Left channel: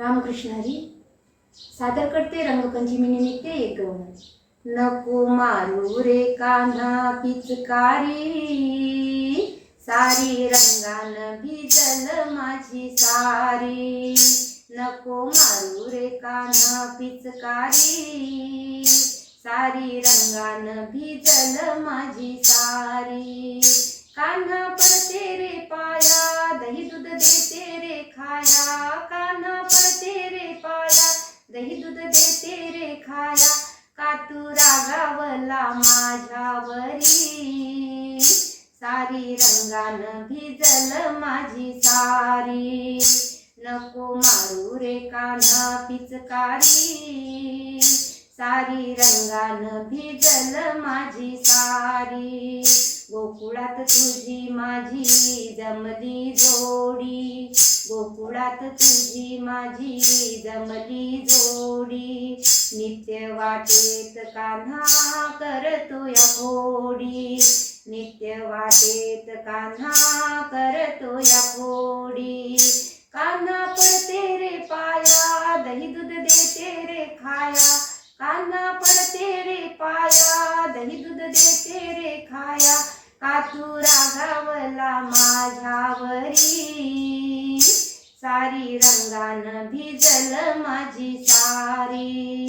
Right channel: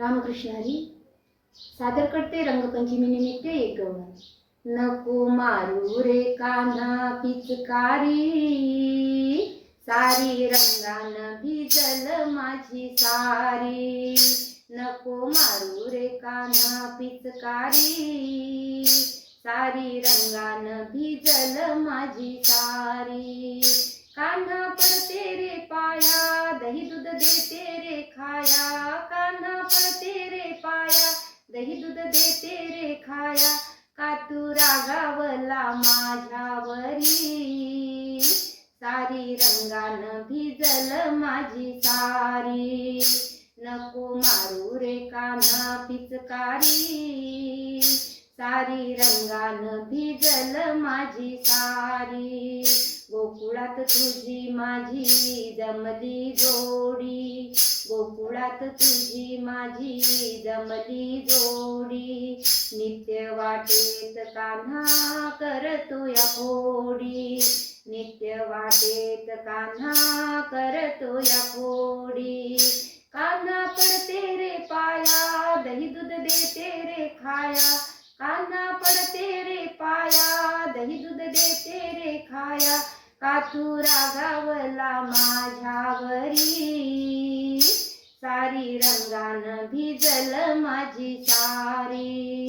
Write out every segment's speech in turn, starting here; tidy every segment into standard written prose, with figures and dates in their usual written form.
रामकृष्ण हरी सादर करते रंगपंचमी निमित्त एक गवळण. नको मारू रे कान्हा पिचकारी, सारी रंगान भिजल माझी सारी. नको मारू रे कान्हा पिचकारी, सारी रंगान भिजल माझी सारी. कान्हा पडते रे पाया, दही दूध देते रे खाया. कान्हा पडते रे पाया, दही दूध देते रे खाया. का तू रागावला माझ्यावरी, सारी रंगान भिजल माझी सारी. नको मारू रे कान्हा पिचकारी, सारी रंगान भिजल माझी सारी. गोकुळात तुझी माझी जमली जोडी, गोकुळात तुझी माझी जमली जोडी. नित्य वाटेत कान्हा करतोय खोडी, नित्य वाटेत कान्हा करतोय खोडी. कान्हा पडते रे पाया, दही दूध देते रे खाया. कान्हा पडते रे पाया, दही दूध देते रे खाया. का तू रागावला माझ्यावरी, सारी रंगान भिजल माझी सारी.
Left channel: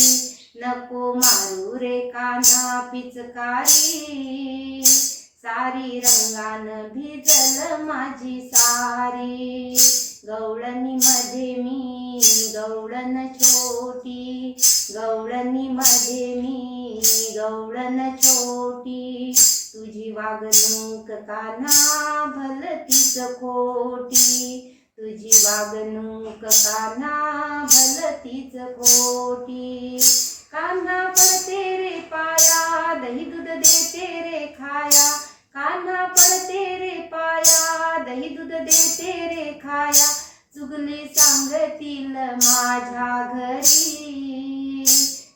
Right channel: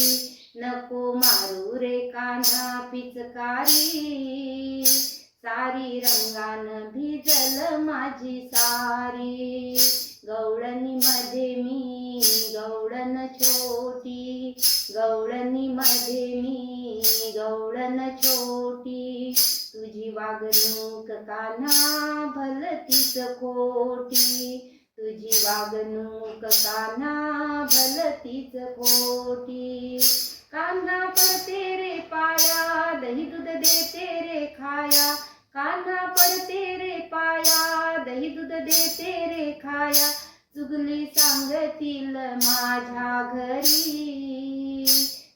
नको मारू रे कान्हा पिचकारी, सारी रंगान भिजल माझी सारी. गवळणी मध्ये मी गवळण छोटी, गवळणी मध्ये मी गवळण छोटी. तुझी वागणूक कान्हा भलतीच खोटी, तुझी वागणूक कान्हा भलतीच खोटी. कान्हा पडते रे पाया, दही दूध देते रे खाया. कान्हा पडते रे पाया, दही दूध देते रे खाया. चुगली सांगतील माझ्या घरी,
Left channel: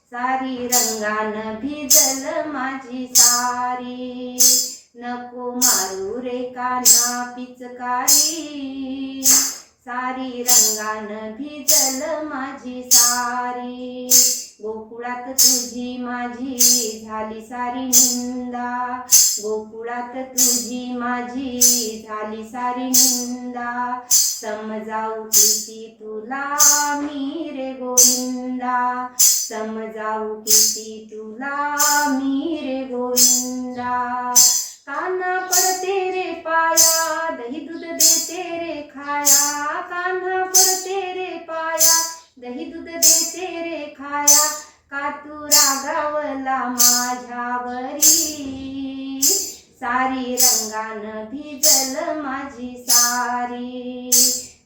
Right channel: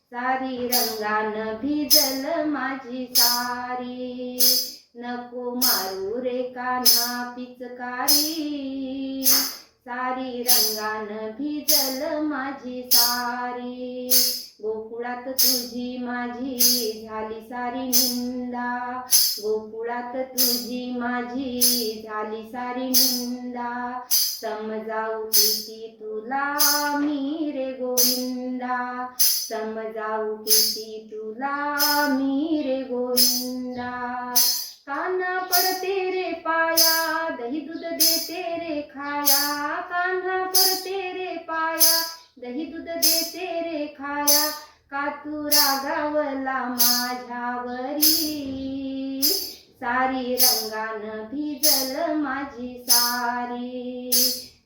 सारी रंगान भिजल माझी सारी. नको मारू रे कान्हा पिचकारी, सारी रंगान भिजल माझी सारी. गोकुळात तुझी माझी झाली सारी निंदा, गोकुळात तुझी माझी झाली सारी निंदा. समजाऊ किती तुला मी रे गोविंदा, समजाऊ किती तुला मी रे गोविंदा. कान्हा पडते रे पाया, दही दूध देते रे खाया. कान्हा पडते रे पाया, दही दूध देते रे खाया. का तू रागावला माझ्यावरी, सारी रंगान भिजल माझी सारी.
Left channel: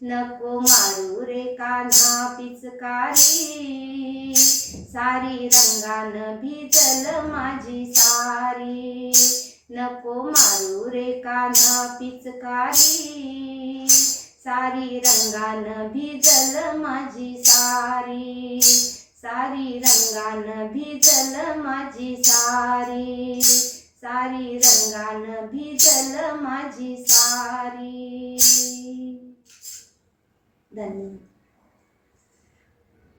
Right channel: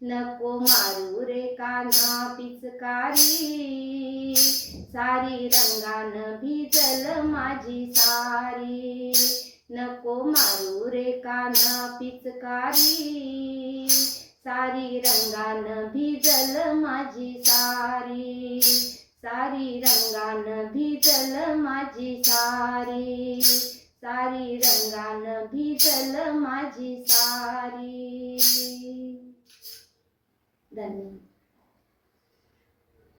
नको मारू रे कान्हा पिचकारी, सारी रंगान भिजल माझी सारी. नको मारू रे कान्हा पिचकारी, सारी रंगान भिजल माझी सारी. सारी रंगान भिजल माझी सारी, सारी रंगान भिजल माझी सारी. धन्यवाद.